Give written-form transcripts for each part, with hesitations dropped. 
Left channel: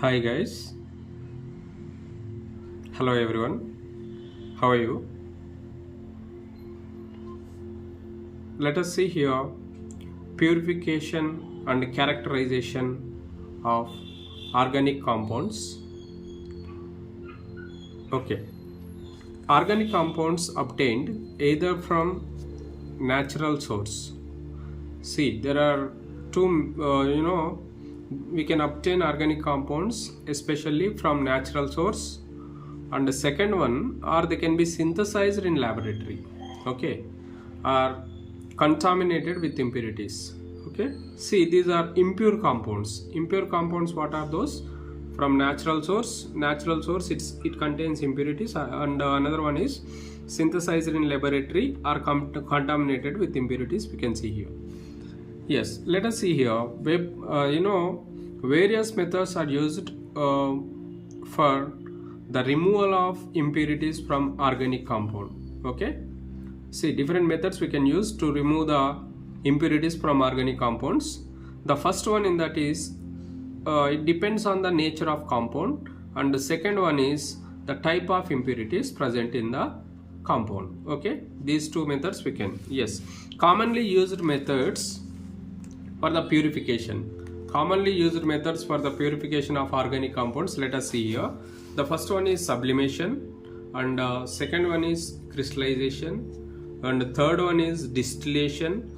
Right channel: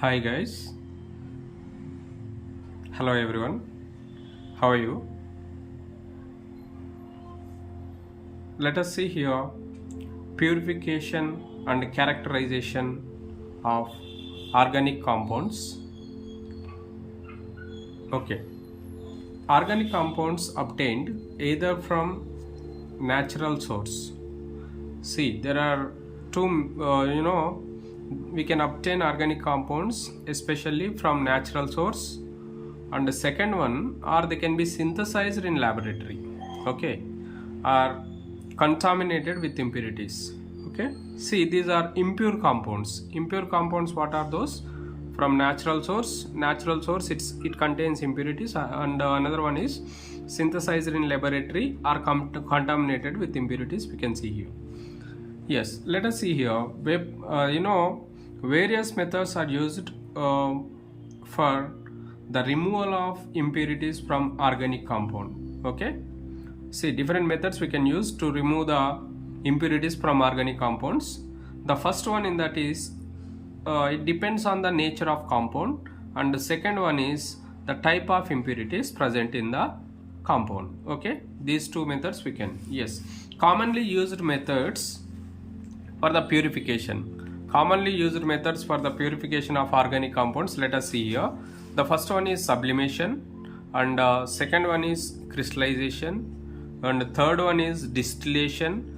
Hi guys, hello everyone, how are you? Let us see here purification and characterization of organic compounds. Okay, organic compounds obtained either from natural source. See, there are two, we can obtain organic compounds especially from natural source, and the second one, or they can be synthesized in laboratory, okay, are contaminated with impurities. Okay, see, these are impure compounds. Impure compounds, what are those? From natural source. Natural source, it contains impurities, and another one is synthesized in laboratory or contaminated with impurities. We can see here. Yes, let us see here. Various methods are used for the removal of impurities from organic compound. Okay, see, different methods we can use to remove the impurities from organic compounds. The first one in that is it depends on the nature of compound, and the second one is the type of impurities present in the compound. Okay, these two methods we can. Yes, commonly used methods for the purification. Commonly used methods for the purification of organic compounds, let us see here. The first one is sublimation, and second one is crystallization, and third one is distillation,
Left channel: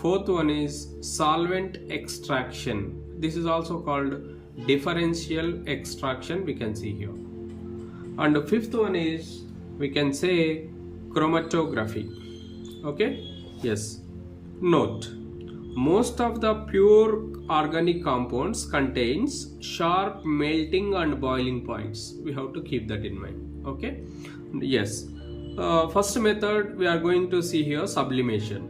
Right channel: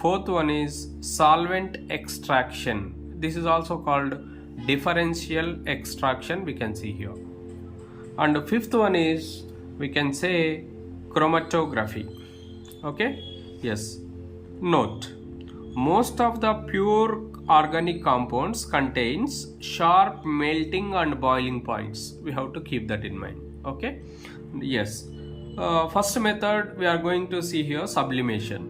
fourth one is solvent extraction. This is also called differential extraction, we can see here. And the fifth one is, we can say, chromatography. Okay, yes. Note, most of the pure organic compounds contains sharp melting and boiling points. We have to keep that in mind. Okay, yes. First method we are going to see here, sublimation.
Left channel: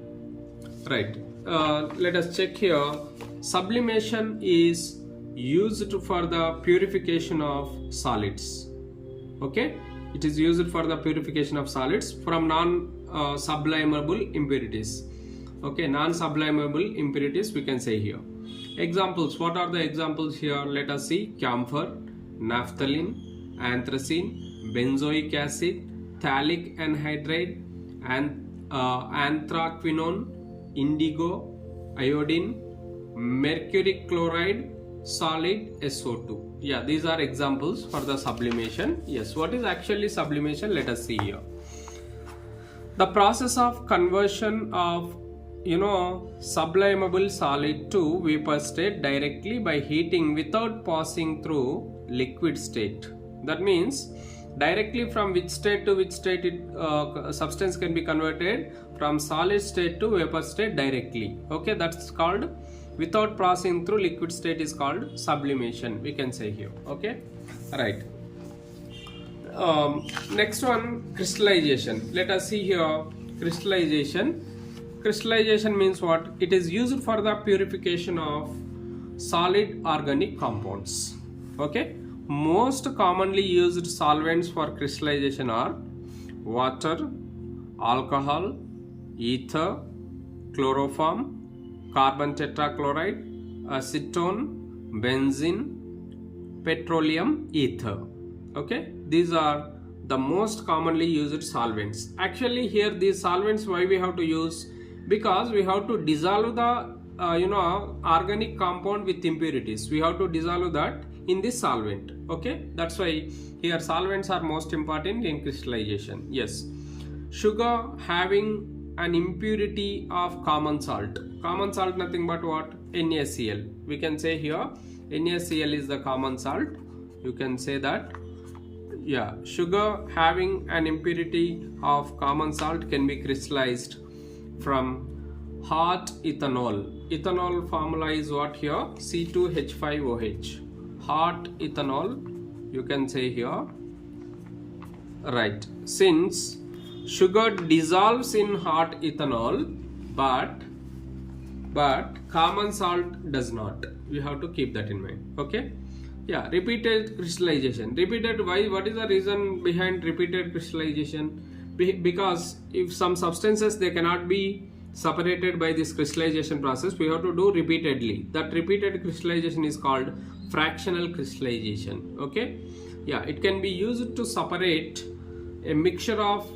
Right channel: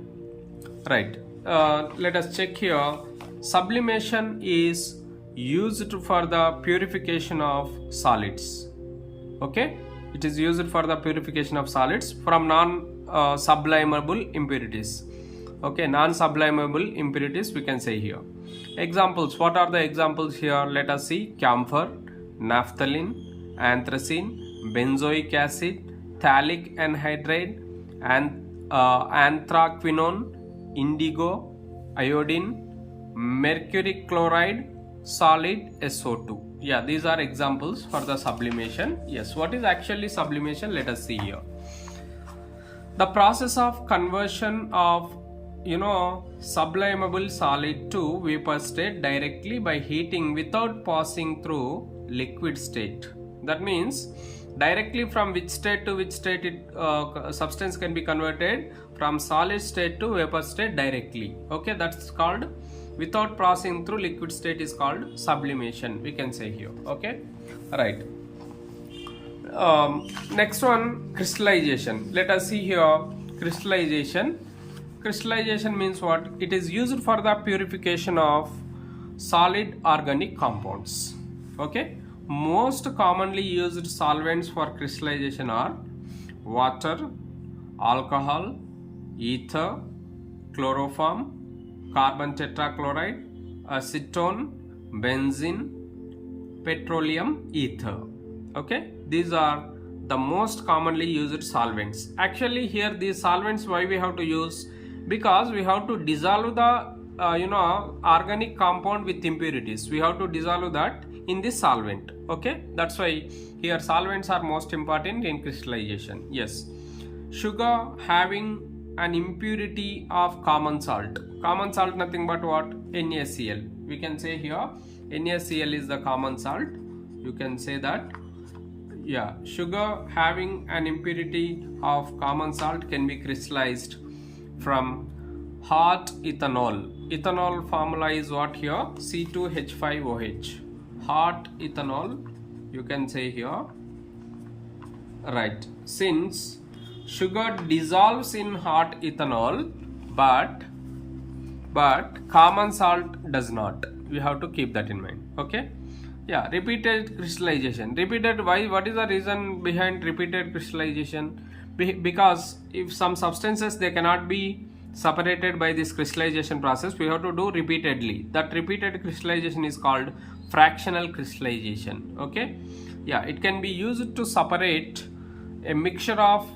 Right, let us check here. Sublimation is used for the purification of solids. Okay, it is used for the purification of solids from non-sublimable impurities. Okay, non-sublimable impurities we can say here. Examples, what are the examples here? Let us see: camphor, naphthalene, anthracene, benzoic acid, phthalic anhydride, and anthraquinone, indigo, iodine, mercury chloride, solid SO2. Yeah, these are examples for the sublimation. Yes, what is actually sublimation? Let us see here. The process of conversion of sublimable solid to vapor state directly by heating without passing through liquid state. That means directly from which state to which state substance can be converted from solid state to vapor state directly. Okay, that's called, without passing through liquid state is called sublimation, we can say here. Okay, right. Next one, crystallization. Let us see here. Crystallization. Crystallization means what? It is used for the purification of solid organic compounds. Okay, most commonly used solvents for crystallization are water, alcohol, ether, chloroform, carbon tetrachloride, acetone, benzene, petroleum ether. Okay, these are the most commonly used solvents. Actually here these solvents, why we have to use? Because we have to dissolve the organic compound with impurities. We have to dissolve that in this solvent. Okay, that's why here solvents are most important in crystallization. Yes, sugar having an impurity of common salt. Common salt, nothing but what? NaCl. We can say here NaCl is the common salt. You can say that. Yeah, sugar having an impurity of common salt can be crystallized from hot ethanol. Ethanol formula is what here? C2H5OH. Hot ethanol, you can say here. Right, since sugar dissolves in hot ethanol, but common salt does not. We have to keep that in mind. Okay, yeah. Repeated crystallization. Repeated, why? What is the reason behind repeated crystallization? Because if some substances, they cannot be separated by this crystallization process, we have to do repeatedly. That repeated crystallization is called fractional crystallization. Okay, yeah, it can be used to separate a mixture of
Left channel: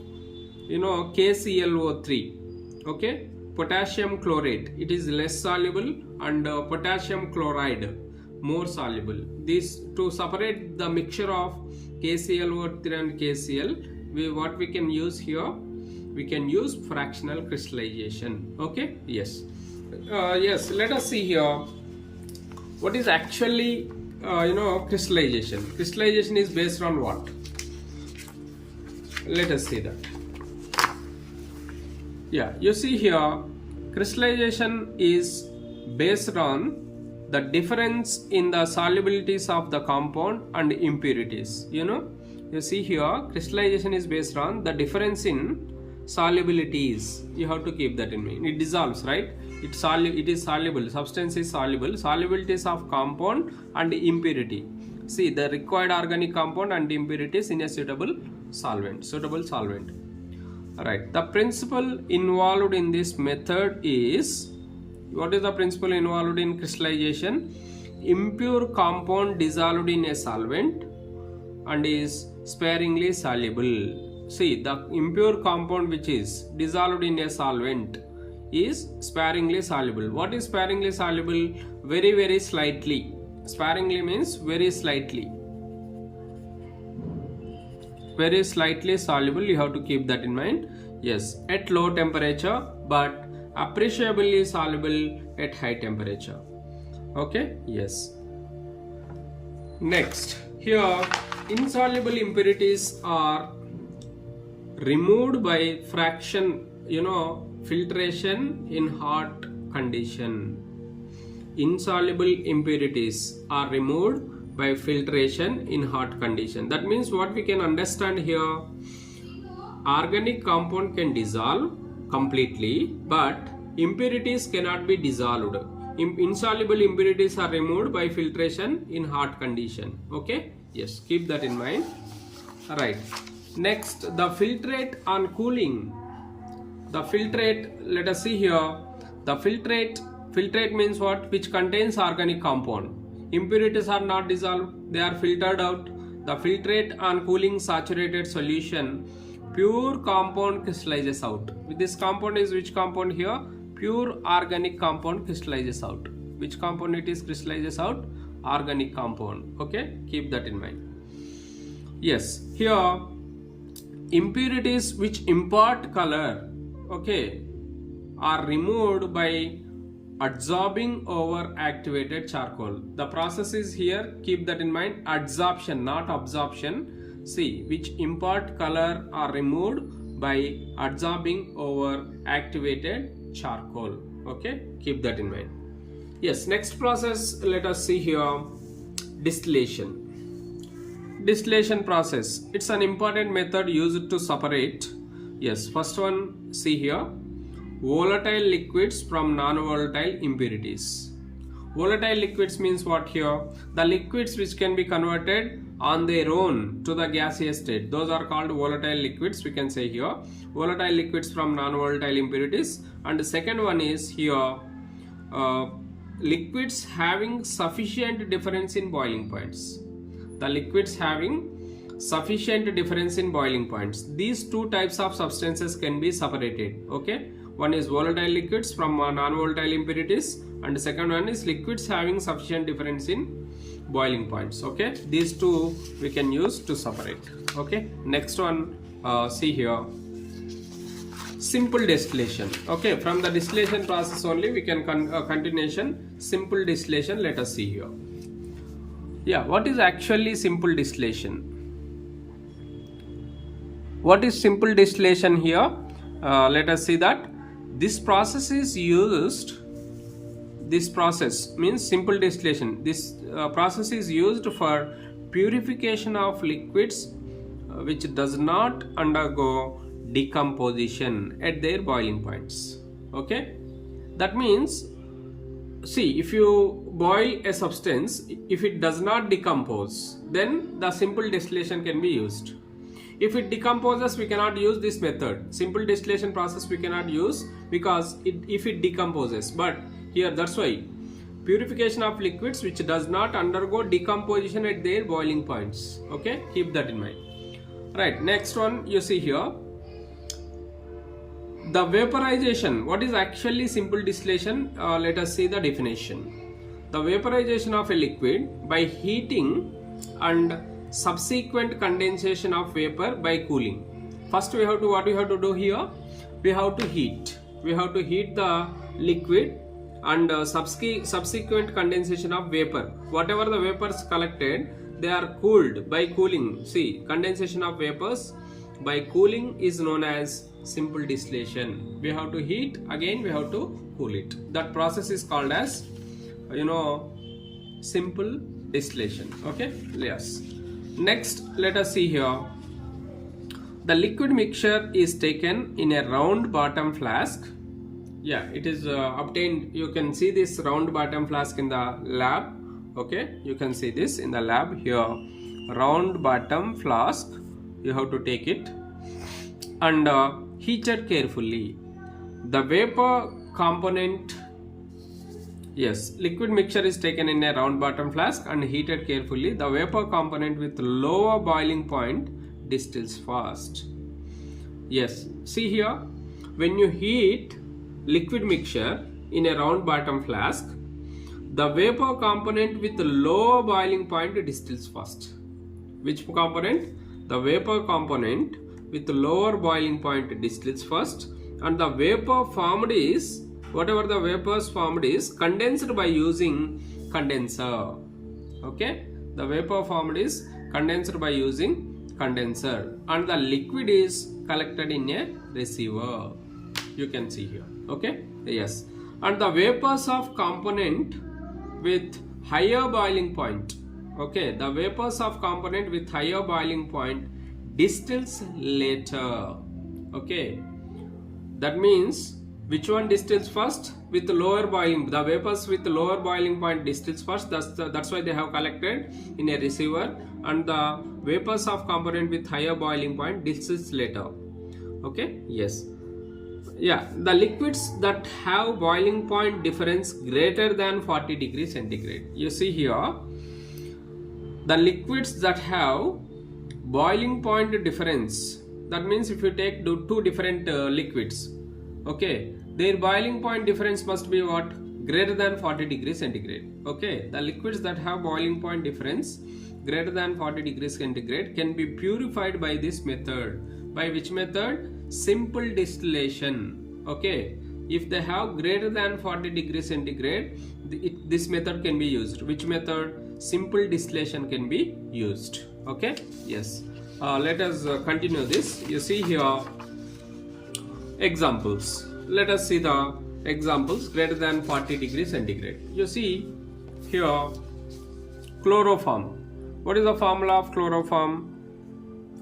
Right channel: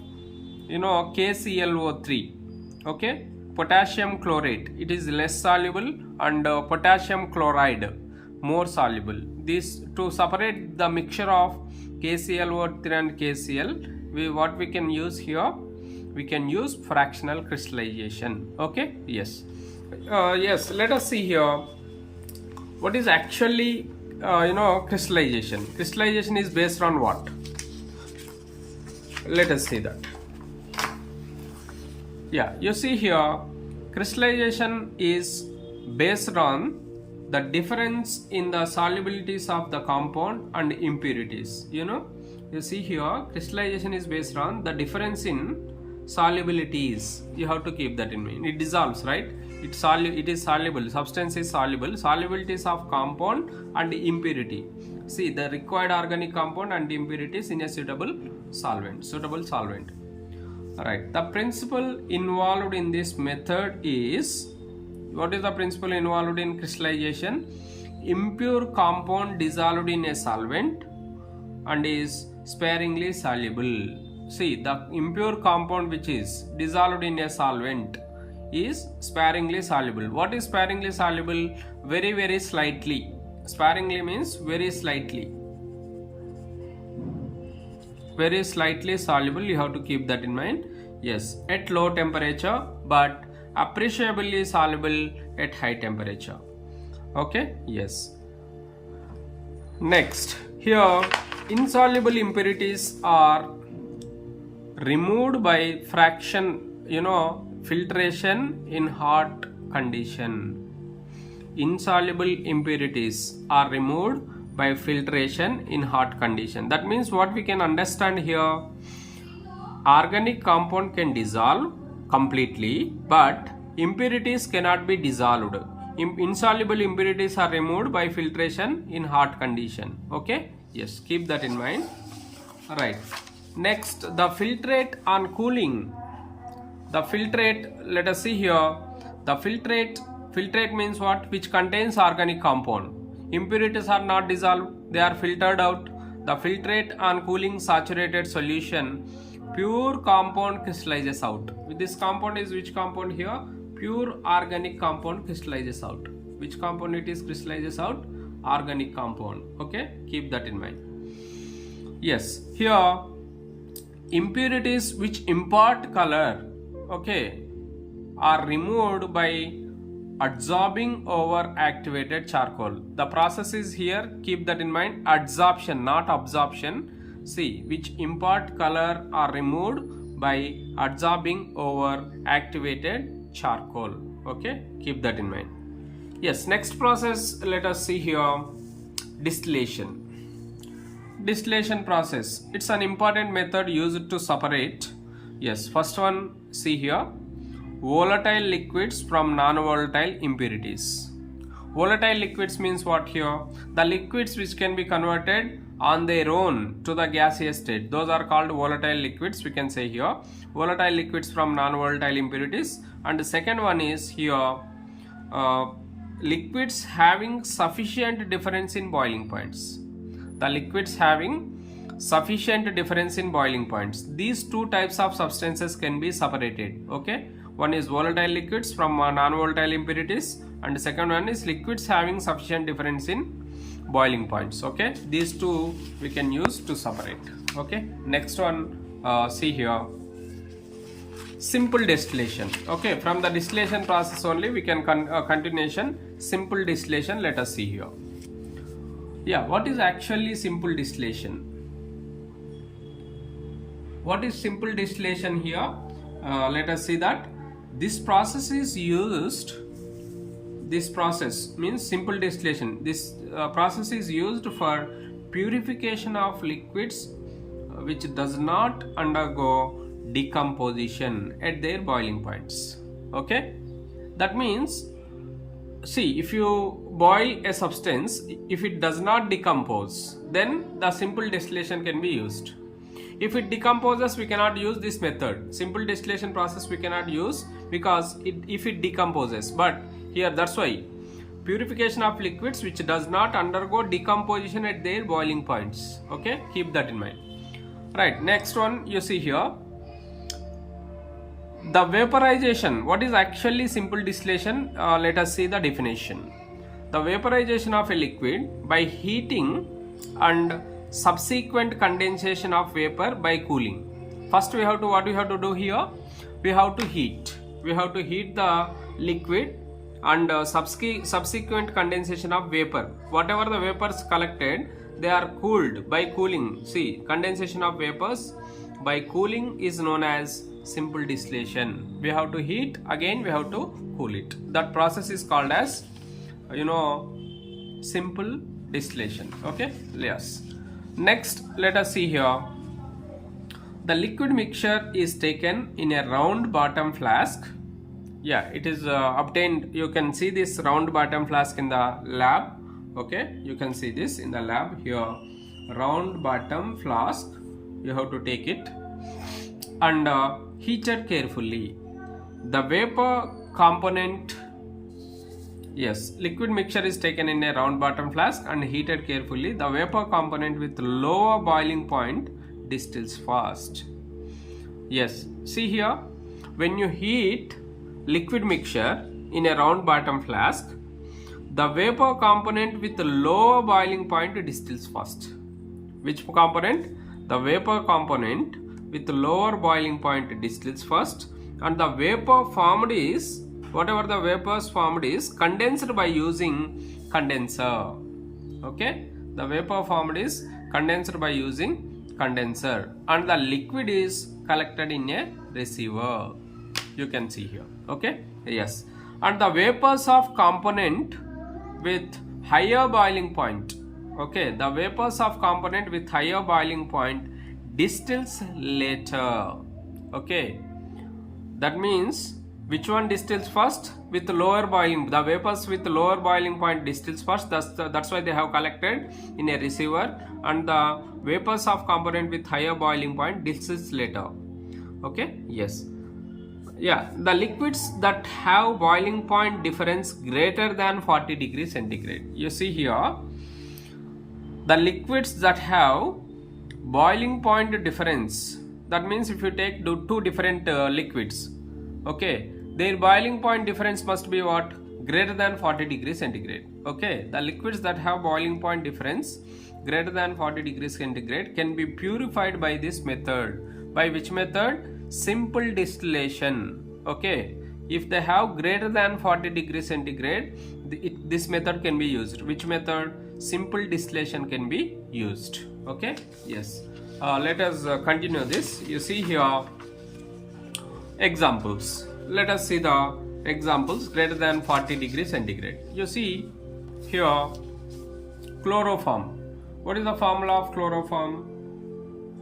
KClO3, okay, potassium chlorate, it is less soluble, and potassium chloride more soluble. This to separate the mixture of KClO3 and KCl, what we can use here, we can use fractional crystallization. Okay, yes, yes, let us see here what is actually crystallization. Crystallization is based on what? Let us see that. Yeah, you see here, crystallization is based on the difference in the solubilities of the compound and impurities. You see here, crystallization is based on the difference in solubilities. You have to keep that in mind. It dissolves, right? It is soluble. Substance is soluble. Solubilities of compound and impurity. See the required organic compound and impurities in a suitable solvent. Alright, the principle involved in this method is, what is the principle involved in crystallization? Impure compound dissolved in a solvent and is sparingly soluble. See, the impure compound which is dissolved in a solvent is sparingly soluble. What is sparingly soluble? Very, very slightly. Sparingly means very slightly. Very slightly soluble, you have to keep that in mind. Yes, at low temperature, but appreciably soluble at high temperature. Okay, yes. Next, here insoluble impurities are removed by filtration in hot condition. Insoluble impurities are removed by filtration in hot condition. That means what we can understand here, organic compound can dissolve completely, but impurities cannot be dissolved. Insoluble impurities are removed by filtration in hot condition. Okay, yes, keep that in mind. All right, next, the filtrate on cooling. The filtrate, let us see here, the filtrate means what? Which contains organic compound. Impurities are not dissolved, they are filtered out. The filtrate on cooling saturated solution, pure compound crystallizes out. This compound is which compound here? Pure organic compound crystallizes out. Which compound it is crystallizes out? Organic compound. Okay, keep that in mind. Yes, here impurities which impart color, okay, are removed by adsorbing over activated charcoal. The process is here, keep that in mind, adsorption, not absorption. See, which impart color are removed by adsorbing over activated charcoal. Okay, keep that in mind. Yes, next process, let us see here, distillation. Distillation process, it's an important method used to separate, yes, first one, see here, volatile liquids from non-volatile impurities. Volatile liquids means what here? The liquids which can be converted on their own to the gaseous state. Those are called volatile liquids, we can say here. Volatile liquids from non-volatile impurities. And the second one is here, liquids having sufficient difference in boiling points. The liquids having sufficient difference in boiling points. These two types of substances can be separated. Okay. One is volatile liquids from non-volatile impurities, and the second one is liquids having sufficient difference in boiling points. Okay, these two we can use to separate. Okay, next one, see here, simple distillation. Okay, from the distillation process only we can continuation simple distillation. Let us see here. Yeah, what is actually simple distillation? What is simple distillation here? Let us see that. This process is used, this process means simple distillation. This process is used for purification of liquids which does not undergo decomposition at their boiling points. Okay, that means, see, if you boil a substance, if it does not decompose, then the simple distillation can be used. If it decomposes, we cannot use this method. Simple distillation process we cannot use because if it decomposes. But here, that's why purification of liquids which does not undergo decomposition at their boiling points. Okay, keep that in mind. Right, next one you see here, the vaporization. What is actually simple distillation? Let us see the definition. The vaporization of a liquid by heating and subsequent condensation of vapor by cooling. First what we have to do here, we have to heat the liquid and subsequent condensation of vapor. Whatever the vapors collected, they are cooled by cooling. See, condensation of vapors by cooling is known as simple distillation. We have to heat, again we have to cool it. That process is called as, simple distillation. Okay, yes. Next, let us see here. The liquid mixture is taken in a round bottom flask. Yeah, it is obtained. You can see this round bottom flask in the lab. Okay, you can see this in the lab here. Round bottom flask, you have to take it and heated carefully. The vapor component, yes, liquid mixture is taken in a round bottom flask and heated carefully. The vapor component with lower boiling point distills fast. Yes, see here, when you heat liquid mixture in a round bottom flask, the vapor component with lower boiling point distills fast. Which component? The vapor component with lower boiling point distills first, and the vapor formed is, whatever the vapors formed is condensed by using condenser. Okay, the vapor formed is condensed by using condenser, and the liquid is collected in a receiver. You can see here. Okay, yes, and the vapors of component with higher boiling point. Okay, the vapors of component with higher boiling point distills later. Okay, that means which one distills first? With lower boiling, the vapors with lower boiling point distills first. That's why they have collected in a receiver, and the vapors of component with higher boiling point distills later. Okay, yes. Yeah, the liquids that have boiling point difference greater than 40 degrees centigrade. You see here, the liquids that have boiling point difference, that means if you take two different liquids, okay, their boiling point difference must be what? Greater than 40 degrees centigrade. Okay, the liquids that have boiling point difference greater than 40 degrees centigrade can be purified by this method. By which method? Simple distillation. Okay, if they have greater than 40 degrees centigrade, this method can be used. Which method? Simple distillation can be used. Okay, yes. Let us continue this. You see here examples. Let us see the examples greater than 40 degrees centigrade. You see here chloroform. What is the formula of chloroform?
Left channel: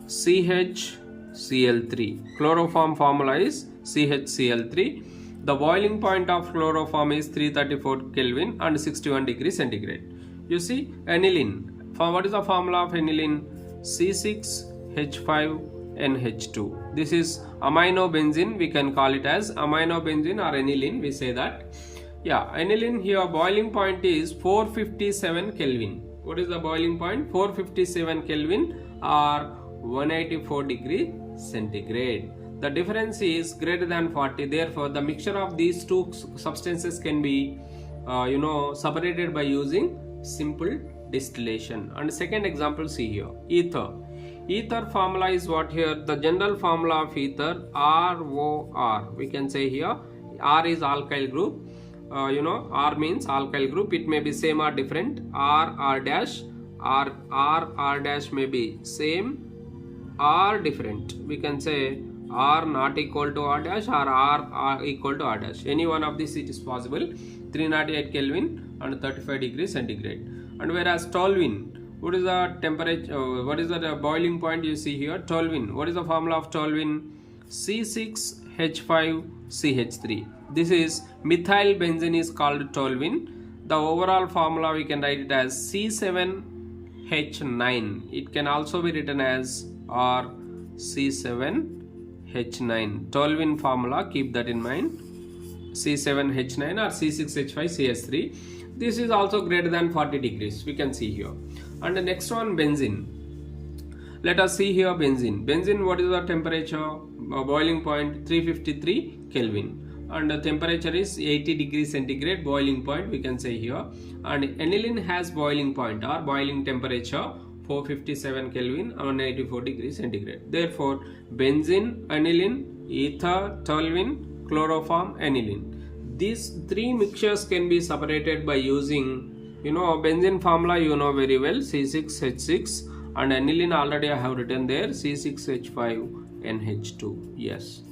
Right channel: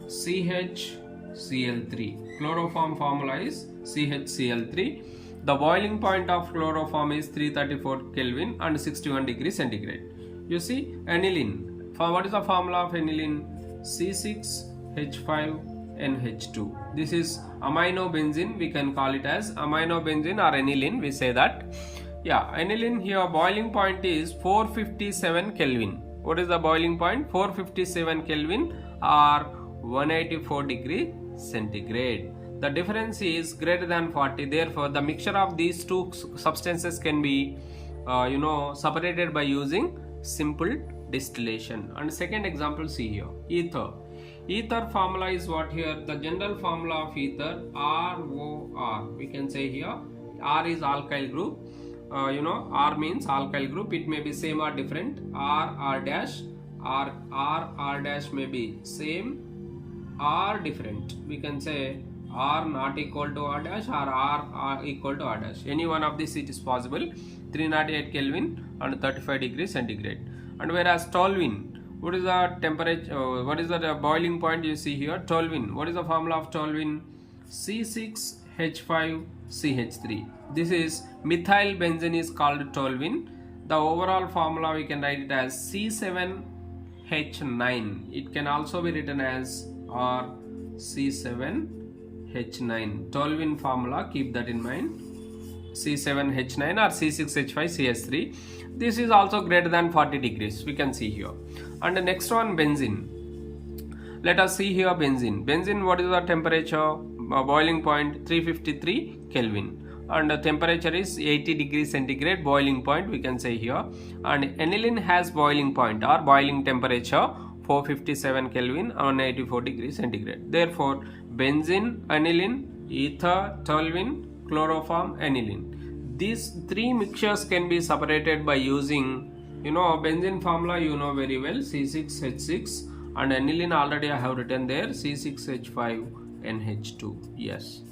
CHCl3. Chloroform formula is CHCl3. The boiling point of chloroform is 334 Kelvin and 61 degrees centigrade. You see aniline. What is the formula of aniline? C6H5NH2. This is amino benzene. We can call it as amino benzene or aniline. We say that. Yeah, aniline here boiling point is 457 Kelvin. What is the boiling point? 457 Kelvin or 184 degree centigrade. The difference is greater than 40. Therefore, the mixture of these two substances can be separated by using simple distillation. And second example, see here, ether. Ether formula is what here? The general formula of ether, ROR. We can say here R is alkyl group. R means alkyl group. It may be same or different. R dash, R dash may be same or different. We can say R not equal to R dash or R equal to R dash. Any one of these it is possible. 308 Kelvin and 35 degrees centigrade. And whereas toluene, what is the temperature? What is the boiling point? You see here toluene. What is the formula of toluene? C6H5CH3. This is methyl benzene is called toluene. The overall formula we can write it as C7H9. It can also be written as R C7H9. Toluene formula, keep that in mind. C7H9 or C6H5CH3. This is also greater than 40 degrees. We can see here. And the next one, benzene. Let us see here benzene. Benzene, what is the temperature? Boiling point 353 Kelvin. And the temperature is 80 degrees centigrade, boiling point we can say here. And aniline has boiling point or boiling temperature 457 Kelvin on 84 degrees centigrade. Therefore, benzene, aniline, ether, toluene, chloroform, aniline. These three mixtures can be separated by using, benzene formula you know very well, C6H6, and aniline already I have written there, C6H5NH2. Yes.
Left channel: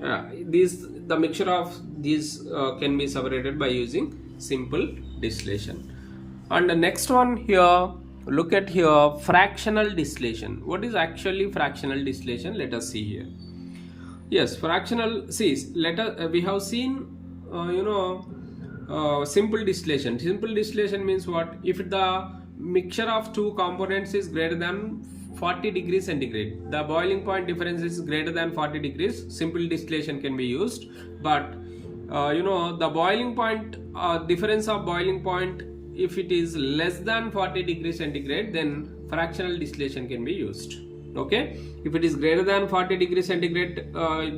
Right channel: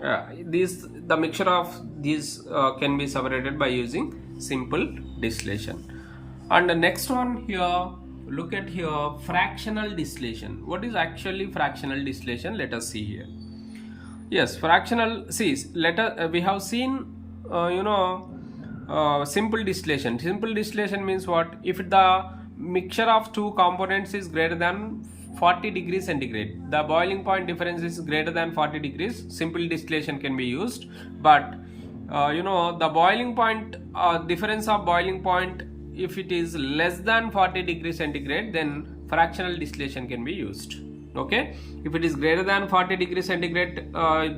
The mixture of these can be separated by using simple distillation. And the next one here, look at here, fractional distillation. What is actually fractional distillation? Let us see here. Yes, fractional, see, we have seen simple distillation. Simple distillation means what? If the mixture of two components is greater than 40 degrees centigrade, the boiling point difference is greater than 40 degrees, simple distillation can be used. But the boiling point, difference of boiling point, if it is less than 40 degrees centigrade, then fractional distillation can be used. Okay, if it is greater than 40 degrees centigrade,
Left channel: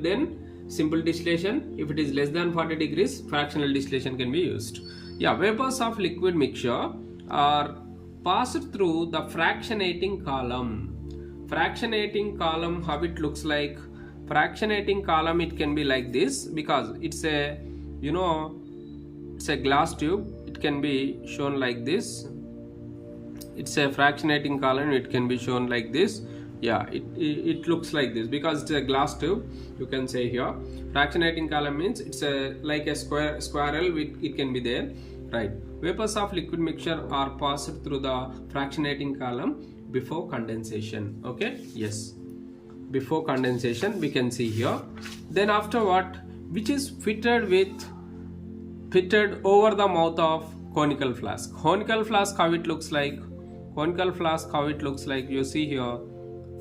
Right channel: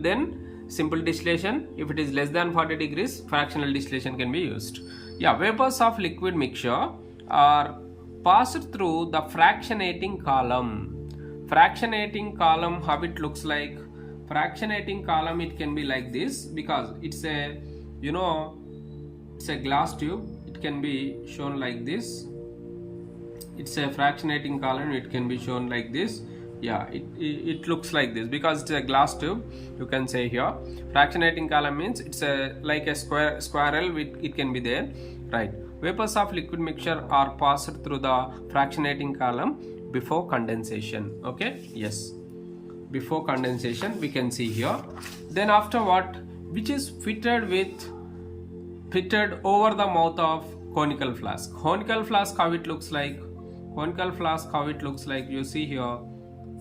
then simple distillation. If it is less than 40 degrees, fractional distillation can be used. Yeah, vapors of liquid mixture are passed through the fractionating column. Fractionating column, how it looks like? Fractionating column, it can be like this, because it's a it's a glass tube. It can be shown like this. It's a fractionating column. It can be shown like this. Yeah, it looks like this because it's a glass tube. You can say here fractionating column means it's like a squirrel. It can be there, right? Vapors of liquid mixture are passed through the fractionating column before condensation. Okay, yes, before condensation we can see here. Then after what, which is fitted over the mouth of conical flask. Conical flask, how it looks like? Conical flask, how it looks like? You see here,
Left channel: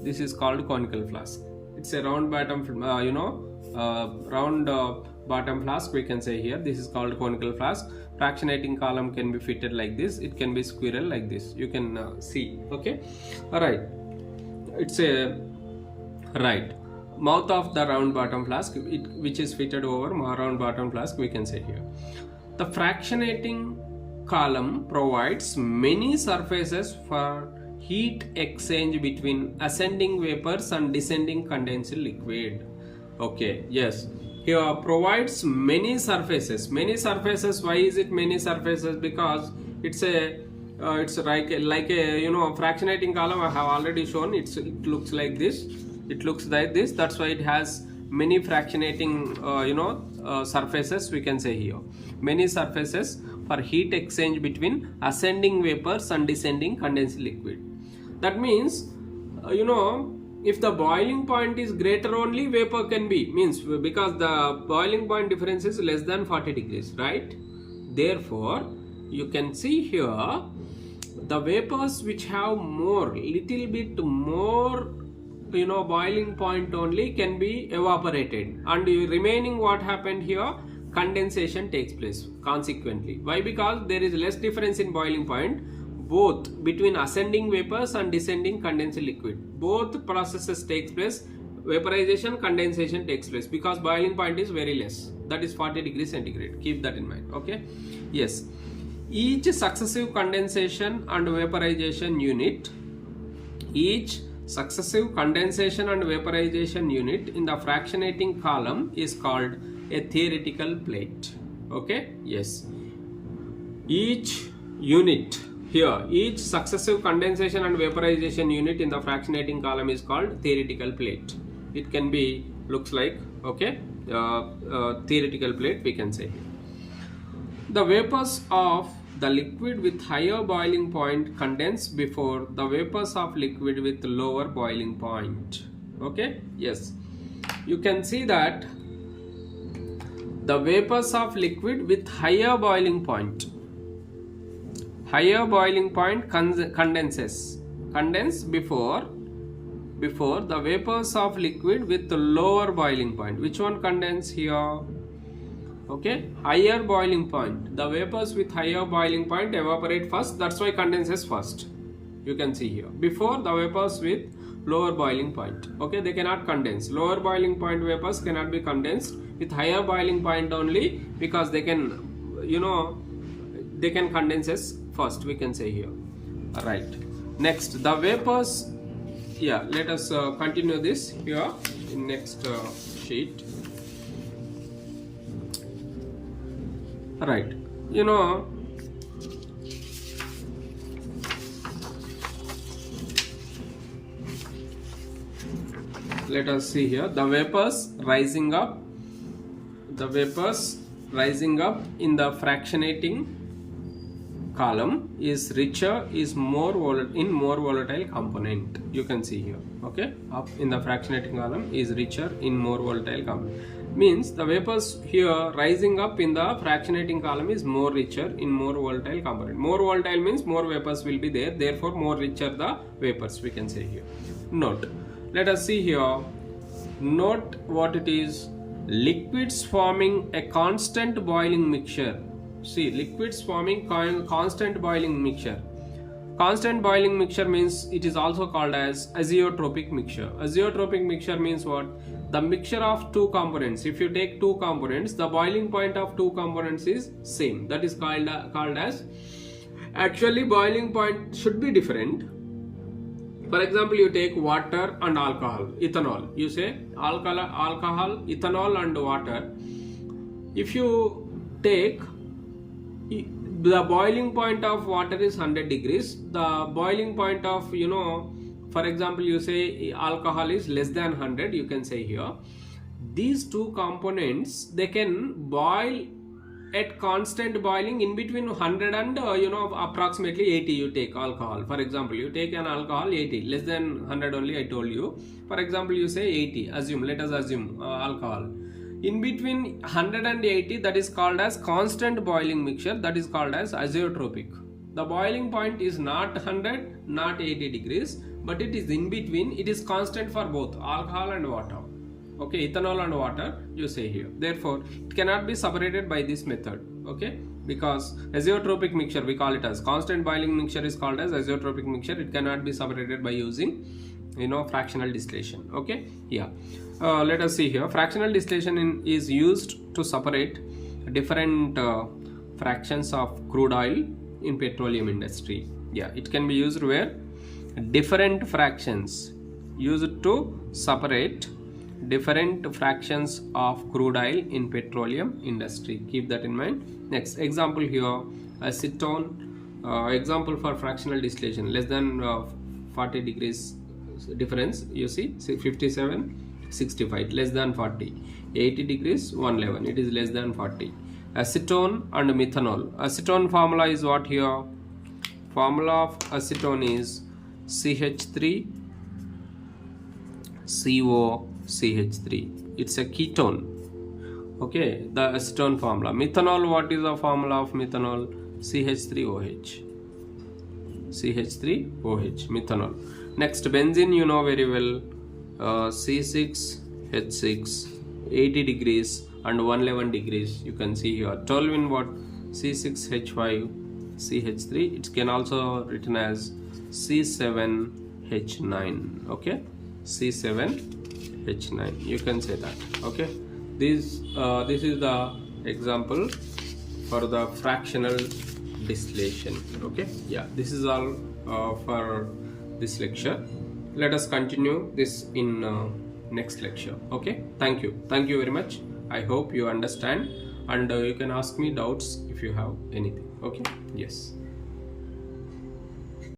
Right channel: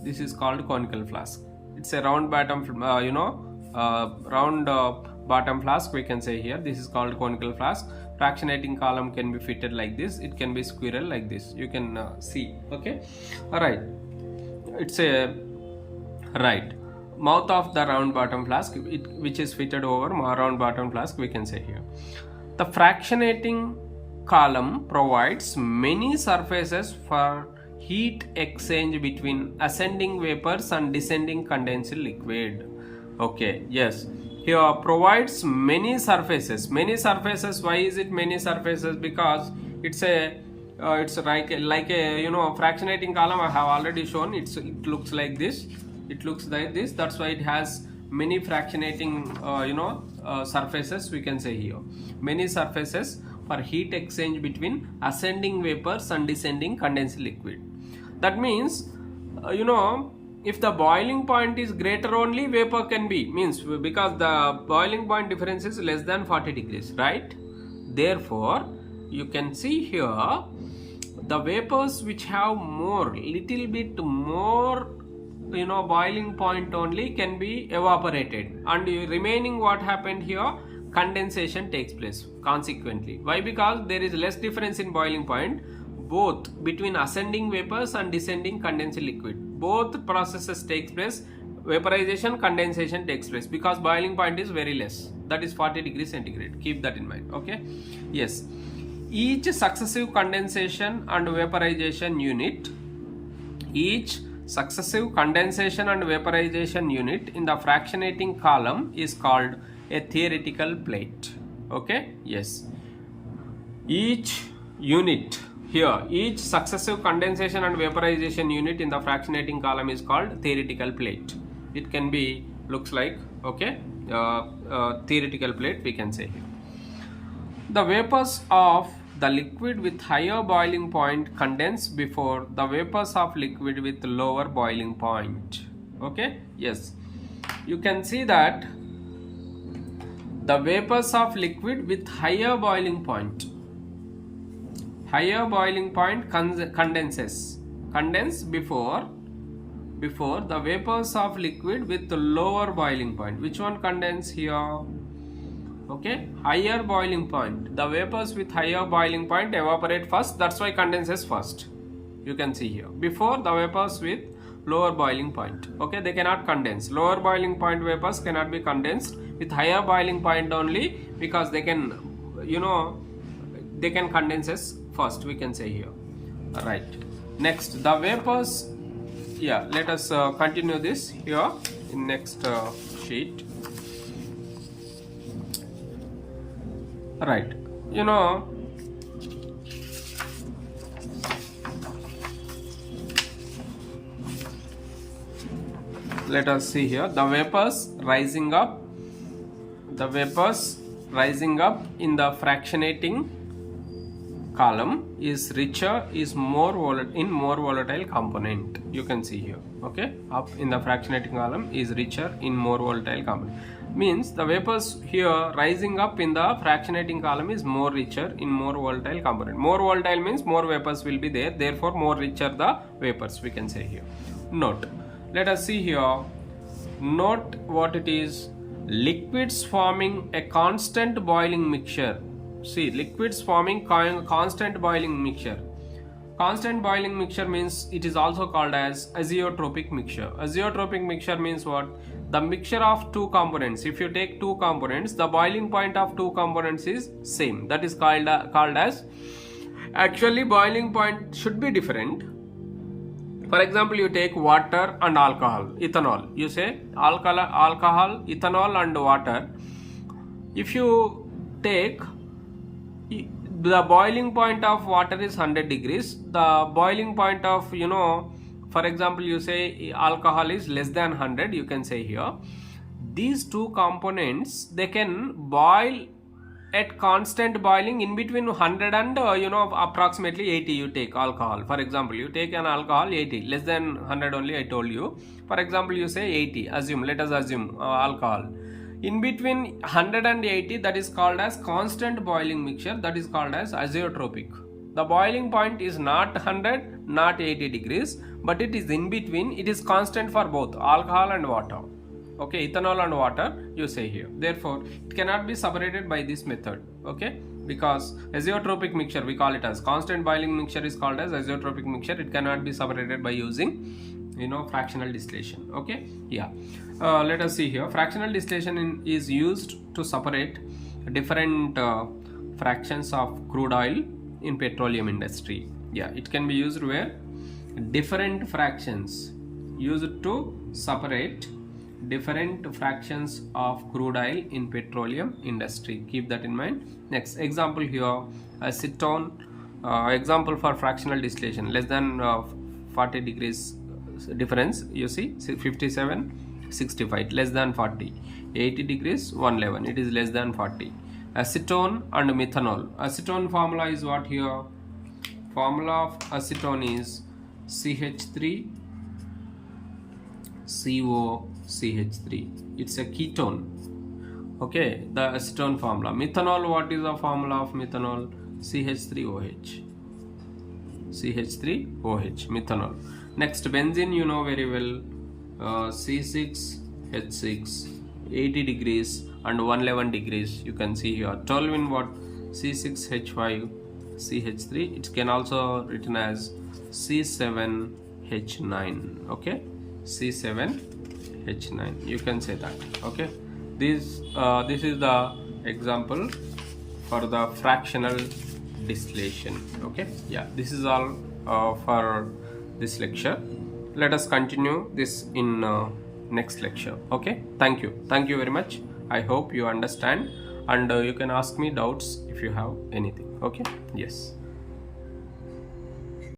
this is called conical flask. It's a round bottom, bottom flask we can say here. This is called conical flask. Fractionating column can be fitted like this. It can be squirrel like this. You can see. Okay, all right. It's a mouth of the round bottom flask, which is fitted over round bottom flask we can say here. The fractionating column provides many surfaces for heat exchange between ascending vapors and descending condensed liquid. Okay, yes, here provides many surfaces. Many surfaces. Why is it many surfaces? Because it's like a fractionating column. I have already shown. It looks like this. It looks like this. That's why it has many fractionating surfaces we can say here. Many surfaces for heat exchange between ascending vapors and descending condensed liquid. That means if the boiling point is greater, only vapor can be, means because the boiling point difference is less than 40 degrees, right? Therefore you can see here the vapors which have little bit more boiling point only can be evaporated, and remaining what happened here, condensation takes place consequently. Why? Because there is less difference in boiling point both between ascending vapors and descending condensed liquid. Both processes takes place. Vaporization, condensation takes place because boiling point is very less, that is 40 degrees centigrade. Keep that in mind. Okay, yes, each successive condensation and vaporization unit, each successive condensation and vaporization unit in the fractionating column is called a theoretical plate. Okay, yes, each unit here, each successive condensation and vaporization unit in the fractionating column is called theoretical plate. It can be looks like, okay, theoretical plate we can say here. The vapors of the liquid with higher boiling point condense before the vapors of liquid with lower boiling point. Okay, yes, you can see that the vapors of liquid with higher boiling point condense before the vapors of liquid with lower boiling point. Which one condense here? Okay, higher boiling point. The vapors with higher boiling point evaporate first. That's why condenses first. You can see here. Before the vapors with lower boiling point. Okay, they cannot condense. Lower boiling point vapors cannot be condensed. With higher boiling point only, because they can, they can condense first. We can say here. Right. Next, the vapors. Yeah, let us continue this here in next sheet. Right, let us see here the vapors rising up in the fractionating column is richer, is more volatile component. You can see here. Okay, up in the fractionating column is richer in more volatile component. Means the vapors here rising up in the fractionating column is more richer in more volatile component. More volatile means more vapors will be there, therefore more richer the vapors, we can say here. Note, let us see here. Note what it is. Liquids forming a constant boiling mixture. See, liquids forming constant boiling mixture. Constant boiling mixture means it is also called as azeotropic mixture. Azeotropic mixture means what? The mixture of two components. If you take two components, the boiling point of two components is same. That is called as. Actually, boiling point should be different. For example, you take water and alcohol, ethanol. You say alcohol, ethanol and water. If you take the boiling point of water is 100 degrees. The boiling point of, for example, you say alcohol is less than 100, you can say here. These two components, they can boil at constant boiling in between 100 and approximately 80. You take alcohol. For example, you take an alcohol 80, less than 100 only I told you. For example, you say 80, let us assume alcohol. In between 100 and 80, that is called as constant boiling mixture, that is called as azeotropic. The boiling point is not 100, not 80 degrees, but it is in between. It is constant for both alcohol and water. Okay, ethanol and water, you say here. Therefore, it cannot be separated by this method. Okay, because azeotropic mixture, we call it as constant boiling mixture is called as azeotropic mixture. It cannot be separated by using, fractional distillation. Okay, yeah. Let us see here. Fractional distillation is used to separate different fractions of crude oil in petroleum industry. Yeah, it can be used where different fractions used to separate different fractions of crude oil in petroleum industry. Keep that in mind. Next example here, acetone. Example for fractional distillation, less than 40 degrees difference. You see 57, 65, less than 40. 80 degrees 111, it is less than 40. Acetone and methanol. Acetone formula is what here? Formula of acetone is CH3 CO CH3. It's a ketone. Okay, the acetone formula. Methanol, what is the formula of methanol? CH3OH. CH3OH, methanol. Next, benzene, you know very well. C6H6, 80 degrees and 111 degrees. You can see here. Toluene, what? C6H5 CH3. It can also written as C7H9. Okay, C7H9. You can say that. Okay, this is the example for the fractional distillation. Okay, yeah, this is all for this lecture. Let us continue this in next lecture. Okay, thank you very much. I hope you understand, and you can ask me doubts if you have anything. Okay, yes.